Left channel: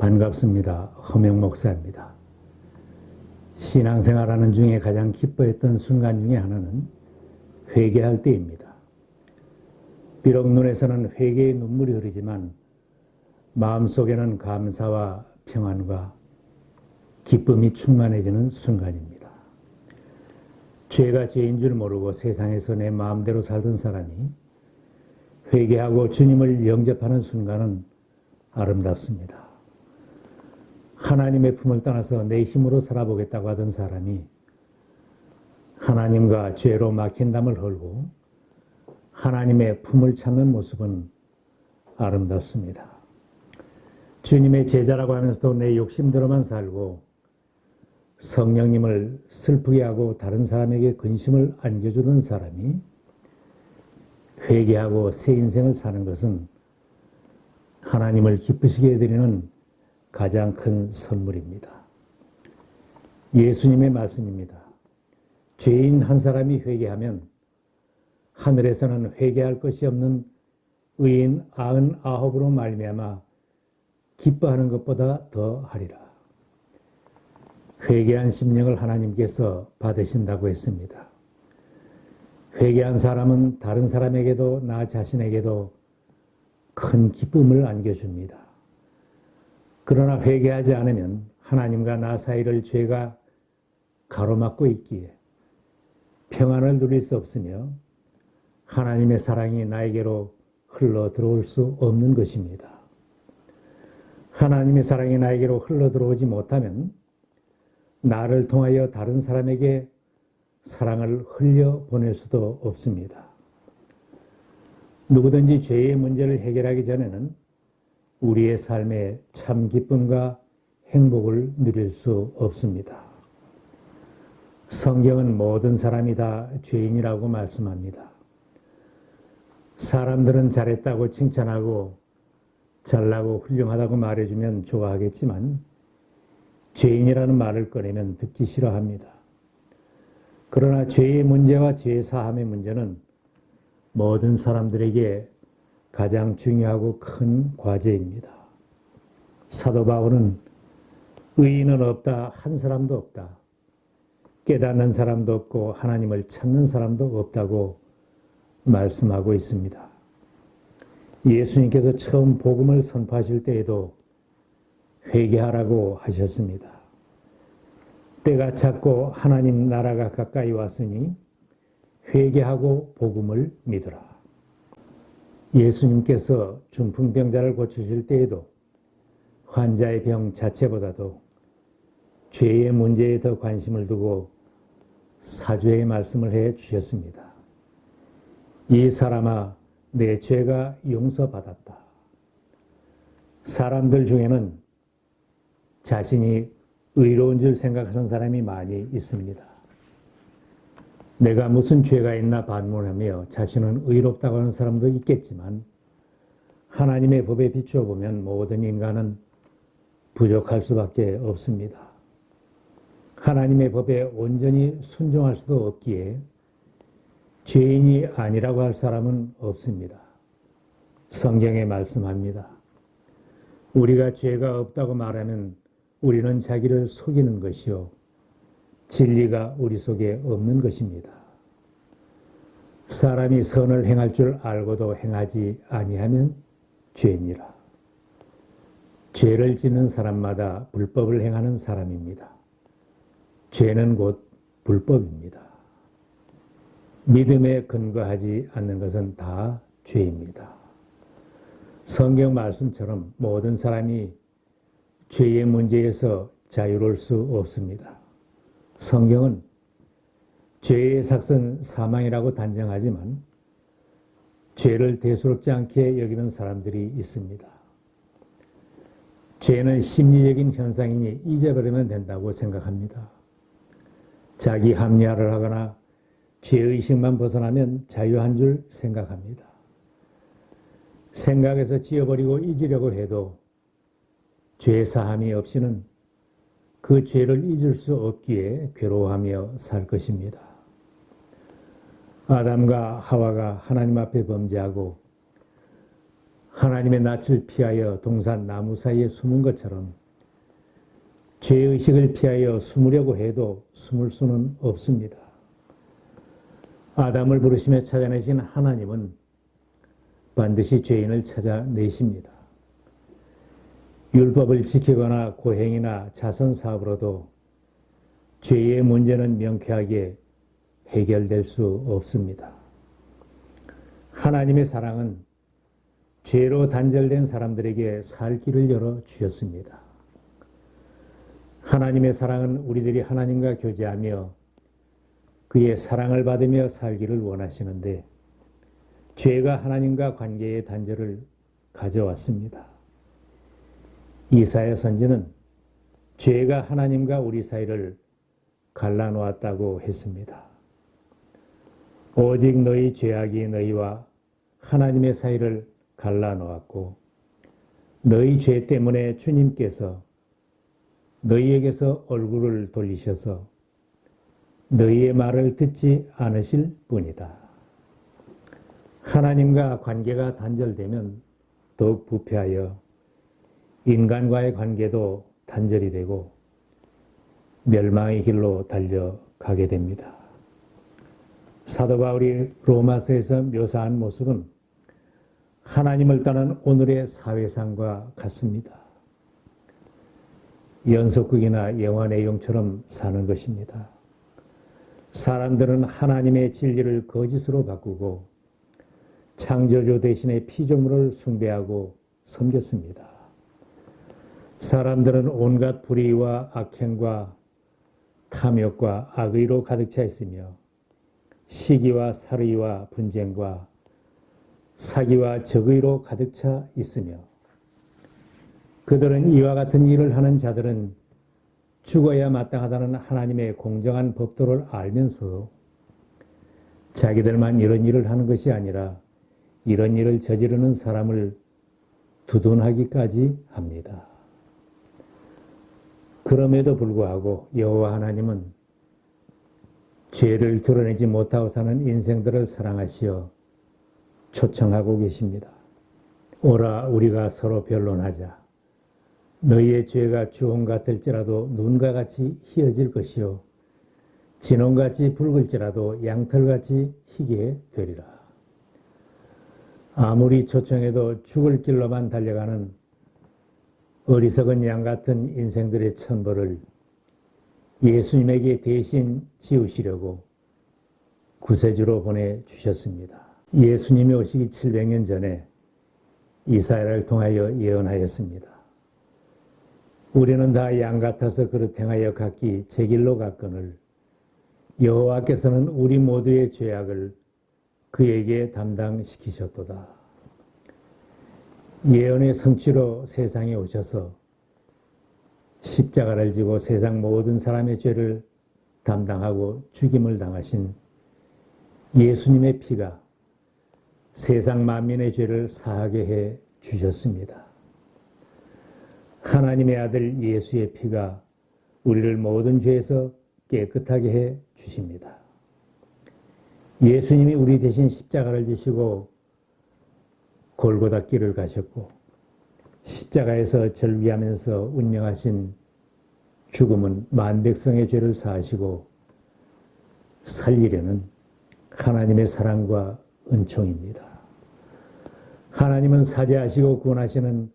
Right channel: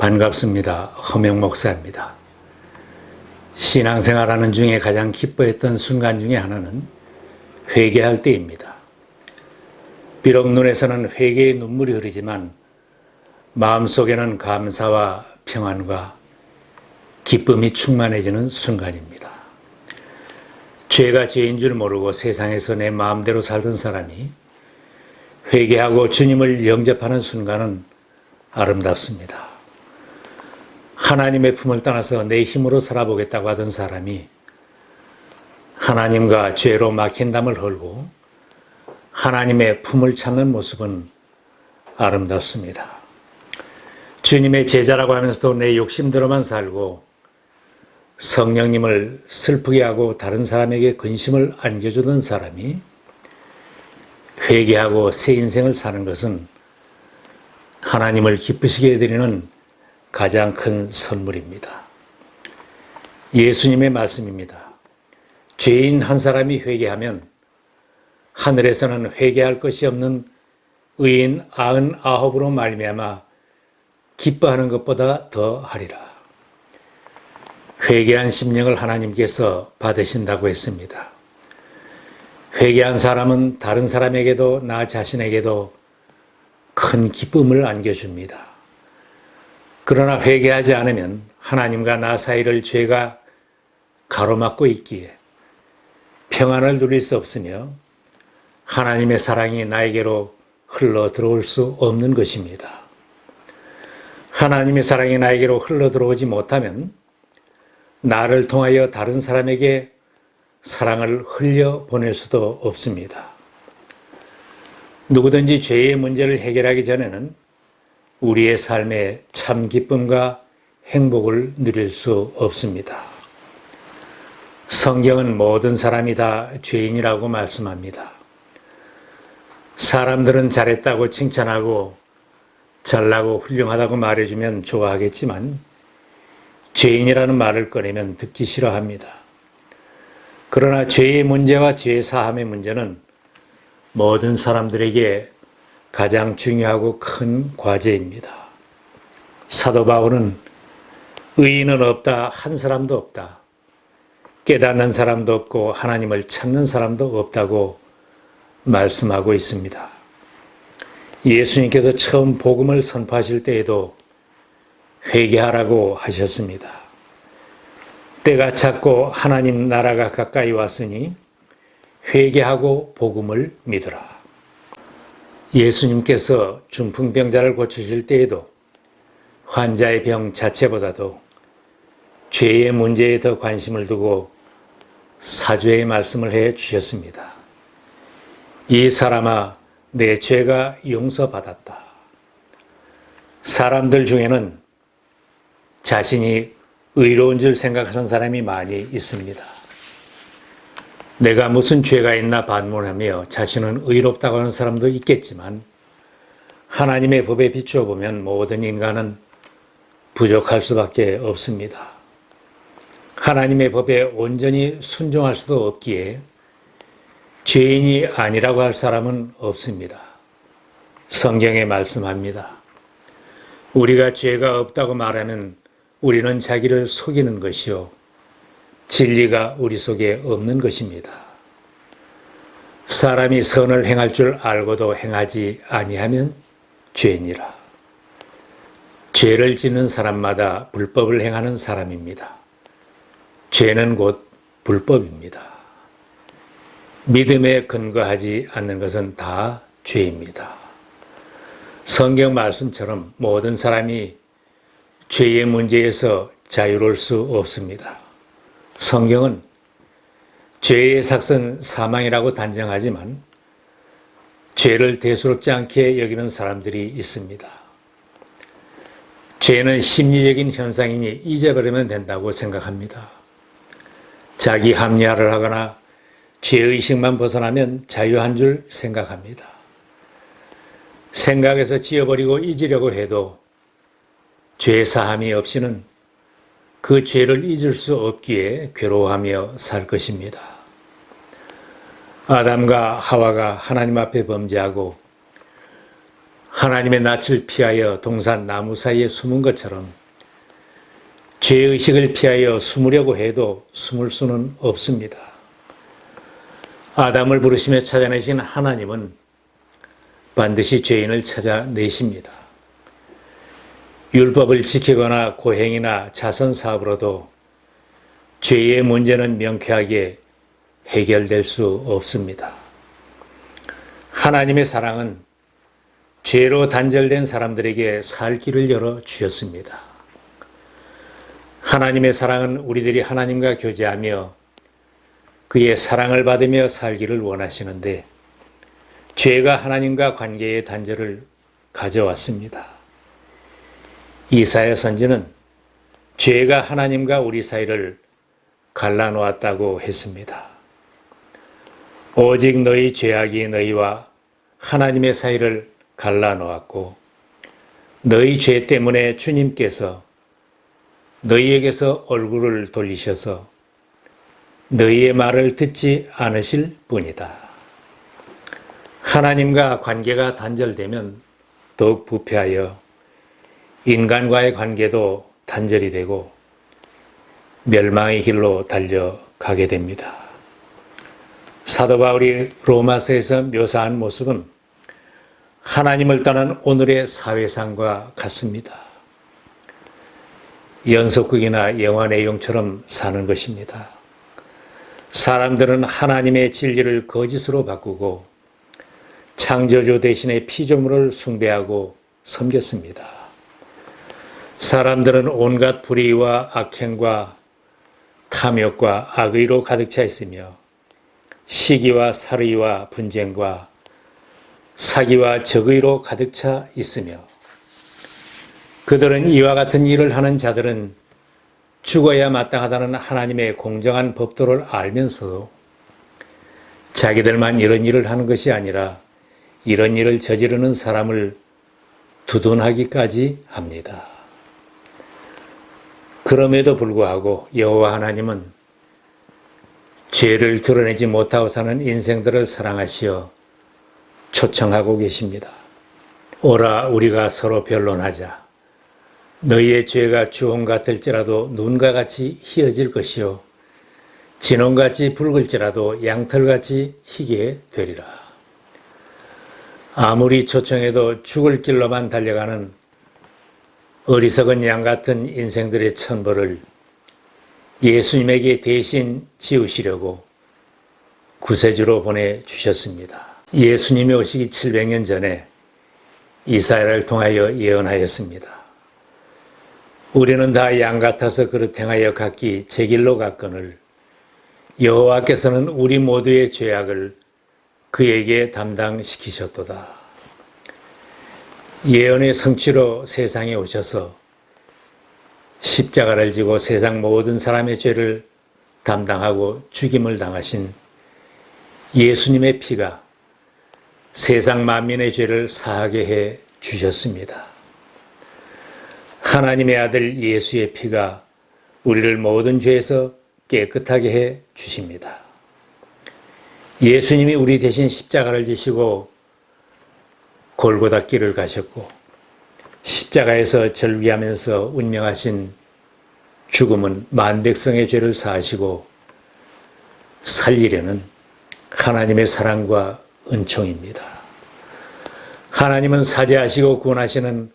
반갑습니다. 허명 목사입니다. 신앙생활하는 중에 가장 기뻐했던 순간 중에 하나는 회개할 때입니다. 비록 눈에서는 회개의 눈물이 흐르지만 마음속에는 감사와 평안과 기쁨이 충만해지는 순간입니다. 죄가 죄인 줄 모르고 세상에서 내 마음대로 살던 사람이 회개하고 주님을 영접하는 순간은 아름답습니다. 하나님의 품을 떠나서 내 힘으로 살아보겠다고 하던 사람이 하나님과 죄로 막힌 담을 헐고 하나님의 품을 찾는 모습은 아름답습니다. 주님의 제자라고 하면서도 내 욕심대로만 살고 성령님을 슬프게 하고 다른 사람에게 근심을 안겨주던 사람이 회개하고 새 인생을 사는 것은 하나님을 기쁘시게 해드리는 가장 큰 선물입니다. 예수님의 말씀입니다. 죄인 한 사람이 회개하면 하늘에서는 회개할 것이 없는 의인 99으로 말미암아 기뻐하는 것보다 더 하리라. 회개한 심령을 하나님께서 받으신다고 했습니다. 회개한 사람은 다른 사람에게도 나 자신에게도 큰 기쁨을 안겨줍니다. 그러나 회개하지 않으면 하나님과 나 사이를 죄가 가로막고 있기에 평안을 누릴 수 없으며 하나님의 사랑이 나에게로 흘러 들어올 수 없는 것입니다. 하나님의 사랑이 나에게로 흘러 들어오지 못하면 나를 통하여 다른 사람에게 사랑을 흘려 보낼 수도 없습니다. 누구든지 죄의 문제를 해결하기 전에는 우리의 삶에 참 기쁨과 행복을 누릴 수 없습니다. 성경은 모든 사람이 다 죄인이라고 말씀합니다. 사람들은 잘했다고 칭찬하고 잘나고 훌륭하다고 말해주면 좋아하겠지만 죄인이라는 말을 꺼내면 듣기 싫어합니다. 그러나 죄의 문제와 죄 사함의 문제는 모든 사람들에게 가장 중요하고 큰 과제입니다. 사도 바울은 의인은 없다, 한 사람도 없다. 깨닫는 사람도 없고 하나님을 찾는 사람도 없다고 말씀하고 있습니다. 예수님께서 처음 복음을 선포하실 때에도 회개하라고 하셨습니다. 때가 찼고 하나님 나라가 가까이 왔으니 회개하고 복음을 믿으라. 예수님께서 중풍병자를 고치실 때에도 환자의 병 자체보다도 죄의 문제에 더 관심을 두고 사죄의 말씀을 해 주셨습니다. 이 사람아, 내 죄가 용서받았다. 사람들 중에는 자신이 의로운 줄 생각하는 사람이 많이 있습니다. 내가 무슨 죄가 있나 반문하며 자신은 의롭다고 하는 사람도 있겠지만 하나님의 법에 비추어 보면 모든 인간은 부족할 수밖에 없습니다. 하나님의 법에 온전히 순종할 수도 없기에 죄인이 아니라고 할 사람은 없습니다. 성경에 말씀합니다. 우리가 죄가 없다고 말하면 우리는 자기를 속이는 것이요 진리가 우리 속에 없는 것입니다. 사람이 선을 행할 줄 알고도 행하지 아니하면 죄니라. 죄를 짓는 사람마다 불법을 행하는 사람입니다. 죄는 곧 불법입니다. 믿음에 근거하지 않는 것은 다 죄입니다. 성경 말씀처럼 모든 사람이 죄의 문제에서 자유로울 수 없습니다. 성경은 죄의 삭은 사망이라고 단정하지만 죄를 대수롭지 않게 여기는 사람들이 있습니다. 죄는 심리적인 현상이니 잊어버리면 된다고 생각합니다. 자기 합리화를 하거나 죄의식만 벗어나면 자유한 줄 생각합니다. 생각에서 지워버리고 잊으려고 해도 죄 사함이 없이는 그 죄를 잊을 수 없기에 괴로워하며 살 것입니다. 아담과 하와가 하나님 앞에 범죄하고 하나님의 낯을 피하여 동산 나무 사이에 숨은 것처럼 죄의식을 피하여 숨으려고 해도 숨을 수는 없습니다. 아담을 부르시며 찾아내신 하나님은 반드시 죄인을 찾아내십니다. 율법을 지키거나 고행이나 자선 사업으로도 죄의 문제는 명쾌하게 해결될 수 없습니다. 하나님의 사랑은 죄로 단절된 사람들에게 살 길을 열어 주셨습니다. 하나님의 사랑은 우리들이 하나님과 교제하며 그의 사랑을 받으며 살기를 원하시는데 죄가 하나님과 관계의 단절을 가져왔습니다. 이사야 선지는 죄가 하나님과 우리 사이를 갈라놓았다고 했습니다. 오직 너희 죄악이 너희와 하나님의 사이를 갈라놓았고 너희 죄 때문에 주님께서 너희에게서 얼굴을 돌리셔서 너희의 말을 듣지 않으실 뿐이다. 하나님과 관계가 단절되면 더욱 부패하여 인간과의 관계도 단절이 되고 멸망의 길로 달려가게 됩니다. 사도 바울이 로마서에서 묘사한 모습은 하나님을 떠난 오늘의 사회상과 같습니다. 연속극이나 영화 내용처럼 사는 것입니다. 사람들은 하나님의 진리를 거짓으로 바꾸고 창조주 대신에 피조물을 숭배하고 섬겼습니다. 사람들은 온갖 불의와 악행과 탐욕과 악의로 가득 차 있으며 시기와 살의와 분쟁과 사기와 적의로 가득 차 있으며 그들은 이와 같은 일을 하는 자들은 죽어야 마땅하다는 하나님의 공정한 법도를 알면서도 자기들만 이런 일을 하는 것이 아니라 이런 일을 저지르는 사람을 두둔하기까지 합니다. 그럼에도 불구하고 여호와 하나님은 죄를 드러내지 못하고 사는 인생들을 사랑하시어 초청하고 계십니다. 오라 우리가 서로 변론하자. 너희의 죄가 주홍 같을지라도 눈과 같이 희어질 것이요 진홍같이 붉을지라도 양털같이 희게 되리라. 아무리 초청해도 죽을 길로만 달려가는 어리석은 양 같은 인생들의 천벌을 예수님에게 대신 지우시려고 구세주로 보내주셨습니다. 예수님이 오시기 700년 전에 이사야를 통하여 예언하였습니다. 우리는 다 양 같아서 그릇 행하여 각기 제 길로 갔거늘 여호와께서는 우리 모두의 죄악을 그에게 담당시키셨도다. 예언의 성취로 세상에 오셔서 십자가를 지고 세상 모든 사람의 죄를 담당하고 죽임을 당하신 예수님의 피가 세상 만민의 죄를 사하게 해 주셨습니다. 하나님의 아들 예수의 피가 우리를 모든 죄에서 깨끗하게 해 주십니다. 예수님이 우리 대신 십자가를 지시고 골고다 길을 가셨고 십자가에서 절기하면서 운명하신 죽음은 만백성의 죄를 사하시고 살리려는 하나님의 사랑과 은총입니다. 하나님은 사죄하시고 구원하시는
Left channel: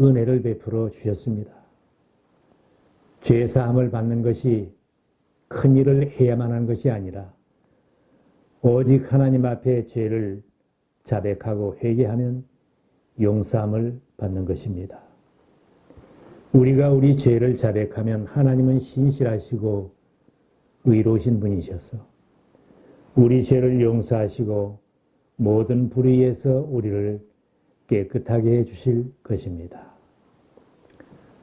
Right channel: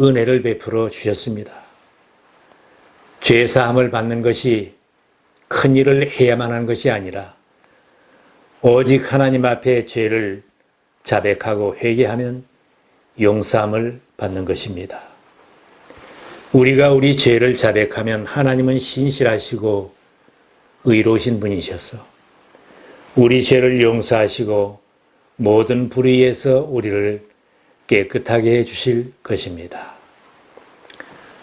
은혜를 베풀어 주셨습니다. 죄 사함을 받는 것이 큰 일을 해야만 하는 것이 아니라 오직 하나님 앞에 죄를 자백하고 회개하면 용서함을 받는 것입니다. 우리가 우리 죄를 자백하면 하나님은 신실하시고 의로우신 분이셔서 우리 죄를 용서하시고 모든 불의에서 우리를 깨끗하게 해 주실 것입니다.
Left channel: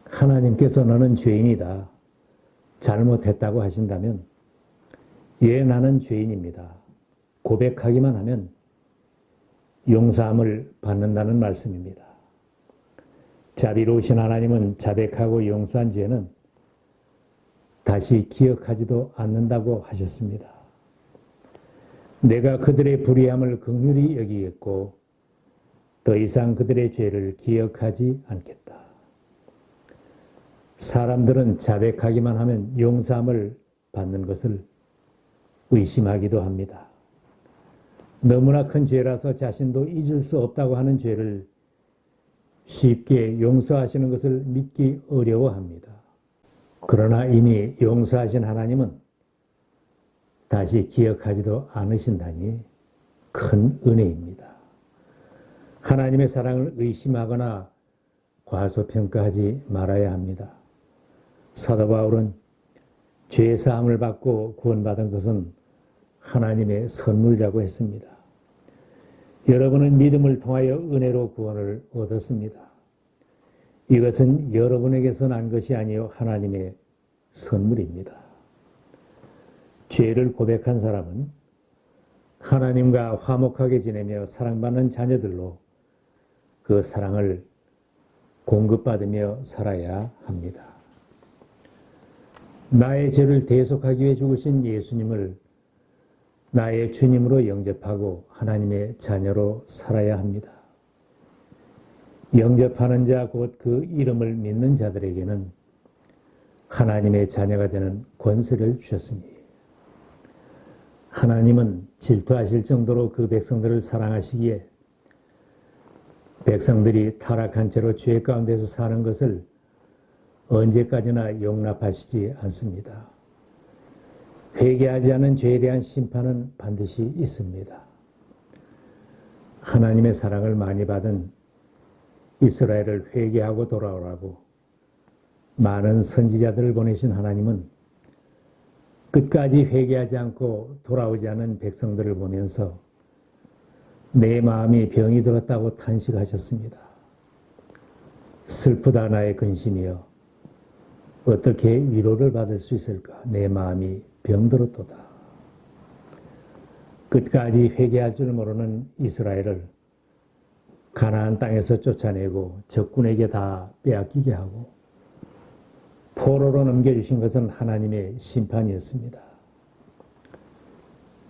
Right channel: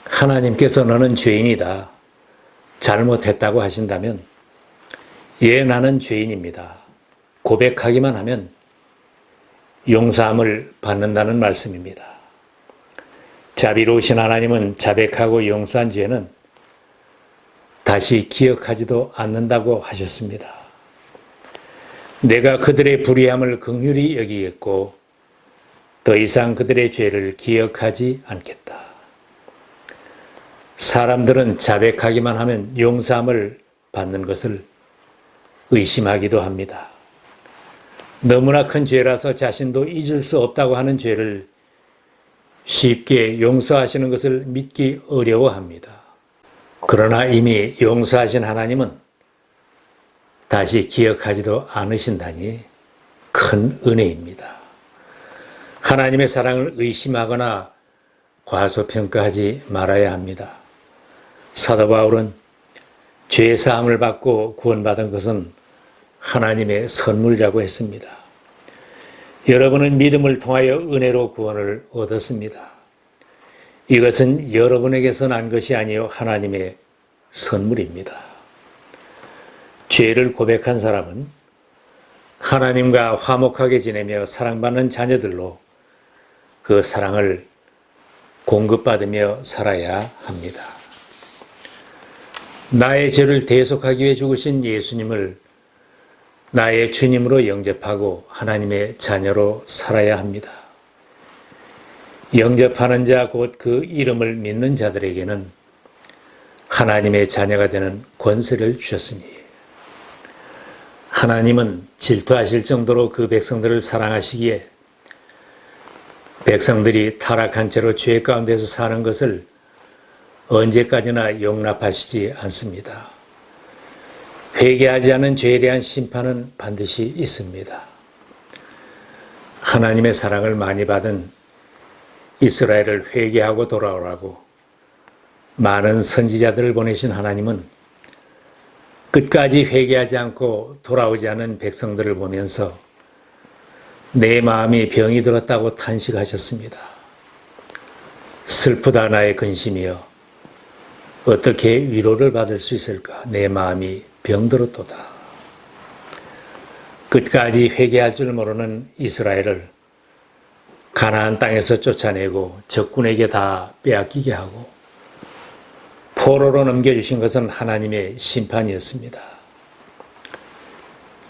하나님께서 너는 죄인이다. 잘못했다고 하신다면 예, 나는 죄인입니다. 고백하기만 하면 용서함을 받는다는 말씀입니다. 자비로우신 하나님은 자백하고 용서한 죄는 다시 기억하지도 않는다고 하셨습니다. 내가 그들의 불의함을 긍휼히 여기겠고 더 이상 그들의 죄를 기억하지 않겠다. 사람들은 자백하기만 하면 용서함을 받는 것을 의심하기도 합니다. 너무나 큰 죄라서 자신도 잊을 수 없다고 하는 죄를 쉽게 용서하시는 것을 믿기 어려워합니다. 그러나 이미 용서하신 하나님은 다시 기억하지도 않으신다니 큰 은혜입니다. 하나님의 사랑을 의심하거나 과소평가하지 말아야 합니다. 사도 바울은 죄 사함을 받고 구원받은 것은 하나님의 선물이라고 했습니다. 여러분은 믿음을 통하여 은혜로 구원을 얻었습니다. 이것은 여러분에게서 난 것이 아니요 하나님의 선물입니다. 죄를 고백한 사람은 하나님과 화목하게 지내며 사랑받는 자녀들로 그 사랑을 공급받으며 살아야 합니다. 나의 죄를 대속하기 위해 죽으신 예수님을 나의 주님으로 영접하고 하나님의 자녀로 살아야 합니다. 영접하는 자 곧 그 이름을 믿는 자들에게는 하나님의 자녀가 되는 권세를 주셨으니 하나님은 질투하실 정도로 그 백성들을 사랑하시기에 백성들이 타락한 채로 죄 가운데서 사는 것을 언제까지나 용납하시지 않습니다. 회개하지 않은 죄에 대한 심판은 반드시 있습니다. 하나님의 사랑을 많이 받은 이스라엘을 회개하고 돌아오라고 많은 선지자들을 보내신 하나님은 끝까지 회개하지 않고 돌아오지 않은 백성들을 보면서 내 마음이 병이 들었다고 탄식하셨습니다. 슬프다 나의 근심이여 어떻게 위로를 받을 수 있을까? 내 마음이 병들었도다. 끝까지 회개할 줄 모르는 이스라엘을 가나안 땅에서 쫓아내고 적군에게 다 빼앗기게 하고 포로로 넘겨주신 것은 하나님의 심판이었습니다.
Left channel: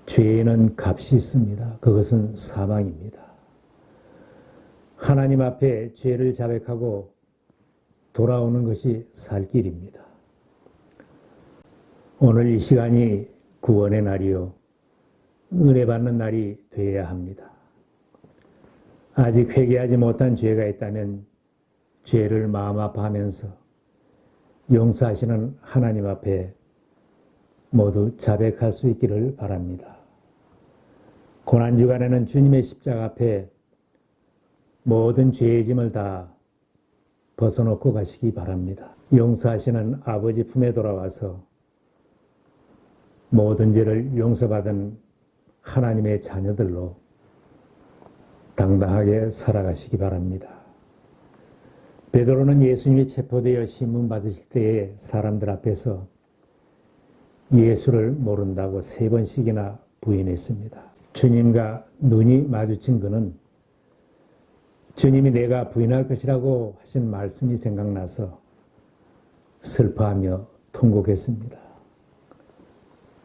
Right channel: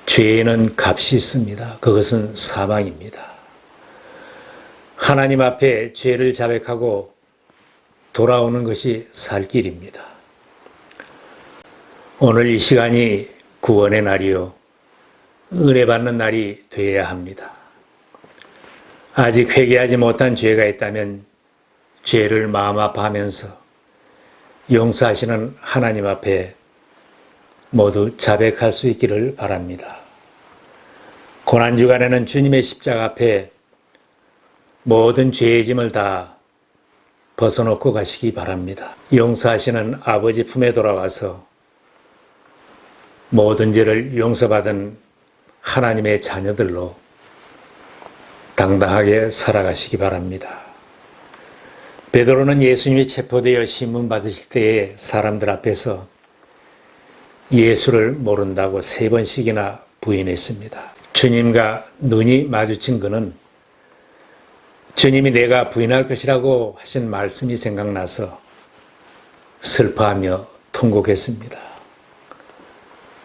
죄에는 값이 있습니다. 그것은 사망입니다. 하나님 앞에 죄를 자백하고 돌아오는 것이 살 길입니다. 오늘 이 시간이 구원의 날이요 은혜 받는 날이 되어야 합니다. 아직 회개하지 못한 죄가 있다면 죄를 마음 아파하면서 용서하시는 하나님 앞에 모두 자백할 수 있기를 바랍니다. 고난주간에는 주님의 십자가 앞에 모든 죄의 짐을 다 벗어놓고 가시기 바랍니다. 용서하시는 아버지 품에 돌아와서 모든 죄를 용서받은 하나님의 자녀들로 당당하게 살아가시기 바랍니다. 베드로는 예수님이 체포되어 신문받으실 때에 사람들 앞에서 예수를 모른다고 3번씩이나 부인했습니다. 주님과 눈이 마주친 그는 주님이 내가 부인할 것이라고 하신 말씀이 생각나서 슬퍼하며 통곡했습니다.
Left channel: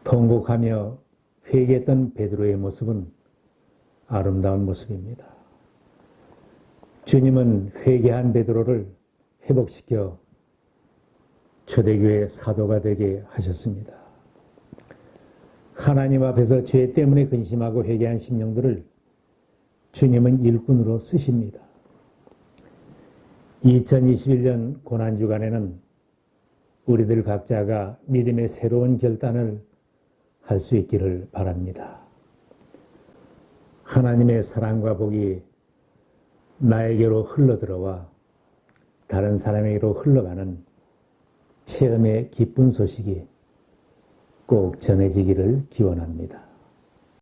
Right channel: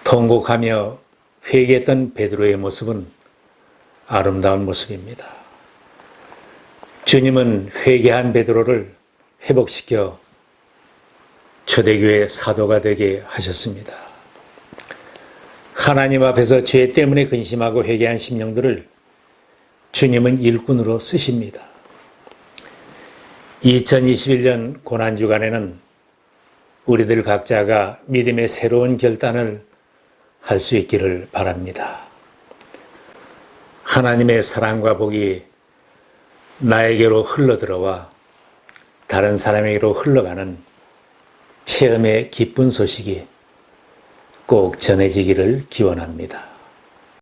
통곡하며 회개했던 베드로의 모습은 아름다운 모습입니다. 주님은 회개한 베드로를 회복시켜 초대교회 사도가 되게 하셨습니다. 하나님 앞에서 죄 때문에 근심하고 회개한 심령들을 주님은 일꾼으로 쓰십니다. 2021년 고난주간에는 우리들 각자가 믿음의 새로운 결단을 할 수 있기를 바랍니다. 하나님의 사랑과 복이 나에게로 흘러들어와 다른 사람에게로 흘러가는 체험의 기쁜 소식이 꼭 전해지기를 기원합니다.